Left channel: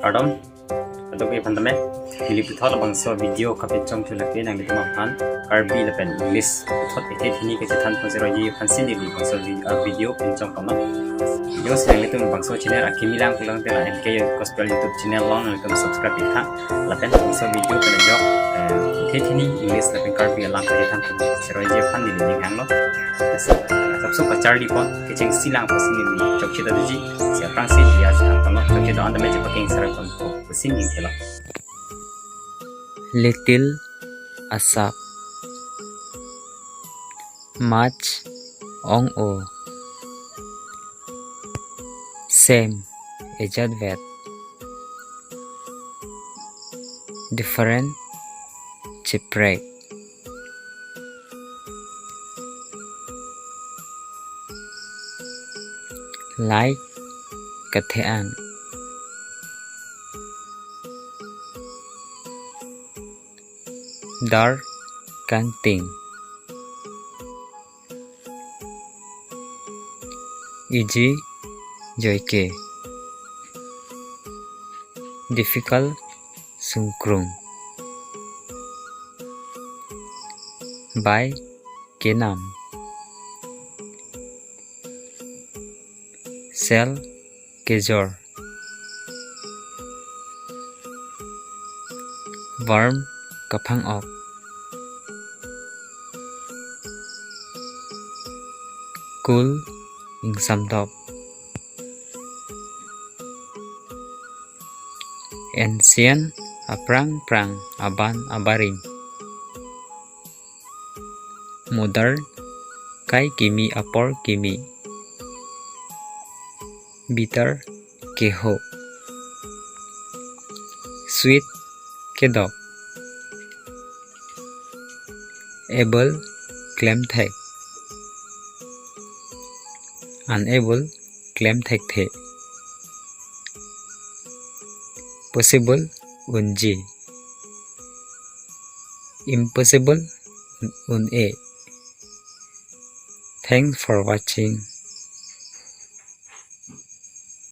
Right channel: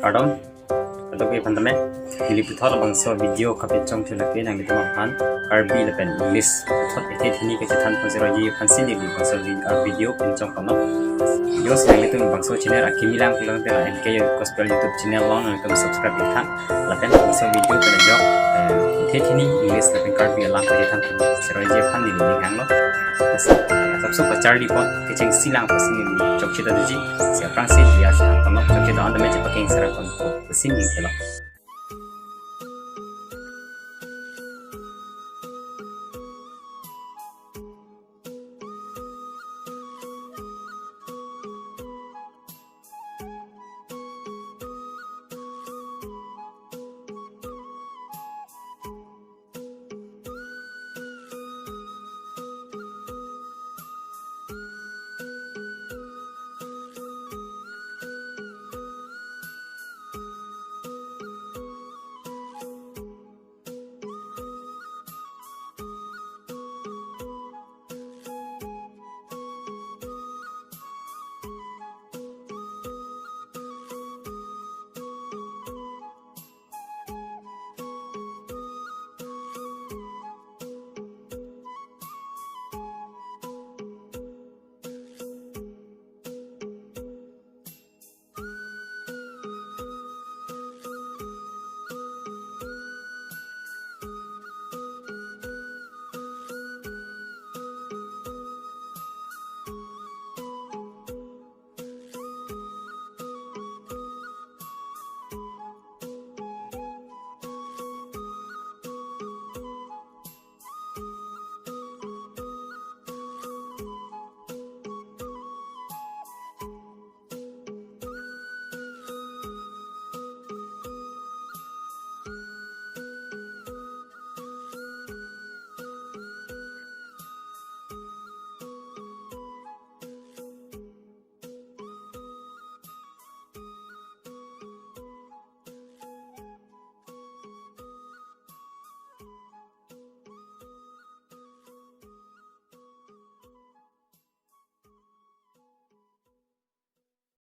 pardon atau ke pandame pilih putar abang so video kapit cong tu lagi nang itu makan Karbi lepen English putar itu ini ke cetan pun seroji fansin di bang so video pencong kono video sedang itu bang so channel akimi lang pulang tela MK gospel YouTube channel long nang itu subscribe kita lepen bang so video pada jok itu ini English lepen Karbi lang ke cetan pun seroji fan di hang lo सबसे पचार लिपॉन के Cheng सिलांग पसिनी नि चोकचिदा दुजी से फ्रांसी दिया से तनो चोकचिदा अंदर में जपकिंग सरपन को पसिनी थेला Little Asap Much Ong O Same Ejad Vet Different Chipwreck Like Kathean Dark Canting Easy Joyke Difficult Sungkrung By Kenam Sel Kejor Worm Kapang Ok Cool Ing Samdop Ancient Aprang Prang Aban Abaring Modern Kai Kimi Apor Kimi Bitter Keho Sweet Kedok Able Claim Thek Unable Claim Thek The Possible Unji Impossible Un A Thanks for watching.